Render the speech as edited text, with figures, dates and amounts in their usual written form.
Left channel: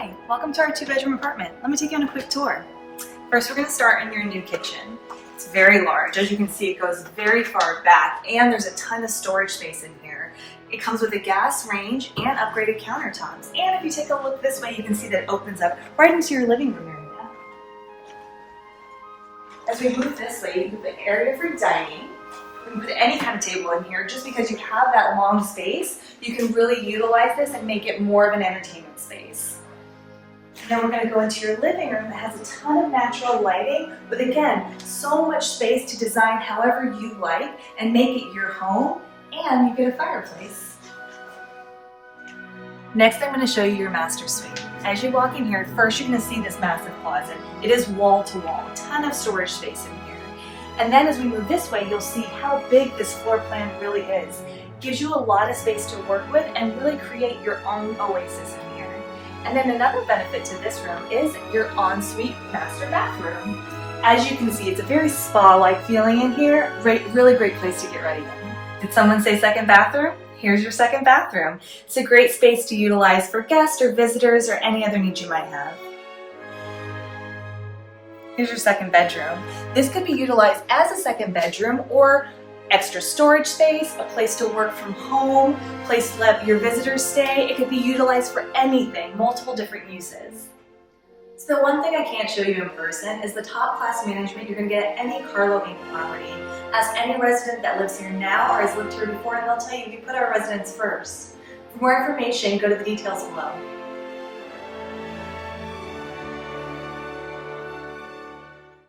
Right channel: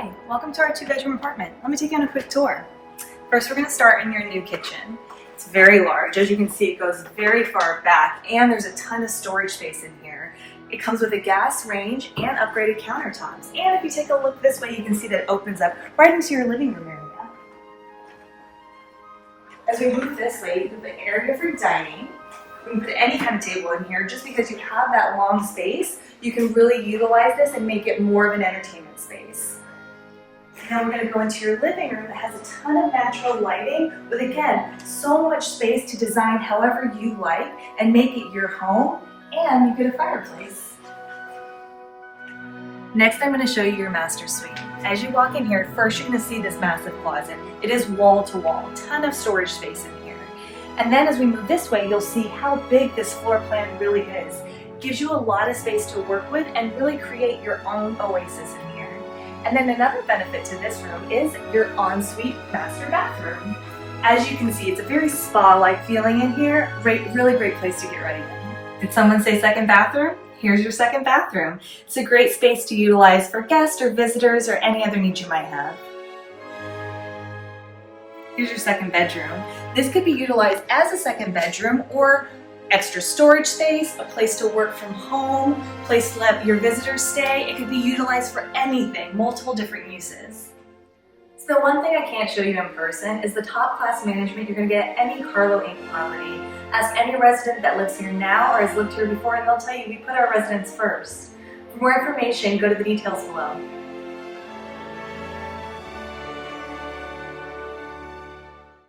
Hi, welcome to our 2-bedroom apartment. Let me take you on a quick tour. First, we're going to start in your new kitchen. It's very large. As you can see, it goes very far back and there's a ton of storage space in here. It comes with a gas range and upgraded countertops. And if you take a look this way, you can see that it opens up right into your living room area. As we move this way, you can put an area for dining. We can put any kind of table in here. Just because you have that long space, you can really utilize this and make it more of an entertainment space. Then we're going to go into your living room that has a ton of natural lighting with, again, so much space to design however you like and make it your home, and you get a fireplace. Next, I'm going to show you your master suite. As you walk in here, first you're going to see this massive closet. It is wall to wall, a ton of storage space in here. And then as we move this way, you'll see how big this floor plan really is. It gives you a lot of space to work with and really create your own oasis in here. And then another benefit to this room is your ensuite master bathroom. As you can see, it's a very spa-like feeling in here. Really great place to get ready in. Did someone say second bathroom? Here's your second bathroom. It's a great space to utilize for guests or visitors or any other needs you might have. Here's your second bedroom. This could be utilized as a second bedroom or extra storage space, a place to work from home, place to let your visitors stay. It could be utilized for anything, multiple different uses. So the one thing I can't show you in person is the top class management you're going to get at any Carlo Inc. property. Ask any resident that lives here now or has lived here before and they'll tell you we put our residents first. For more information, go to the details below.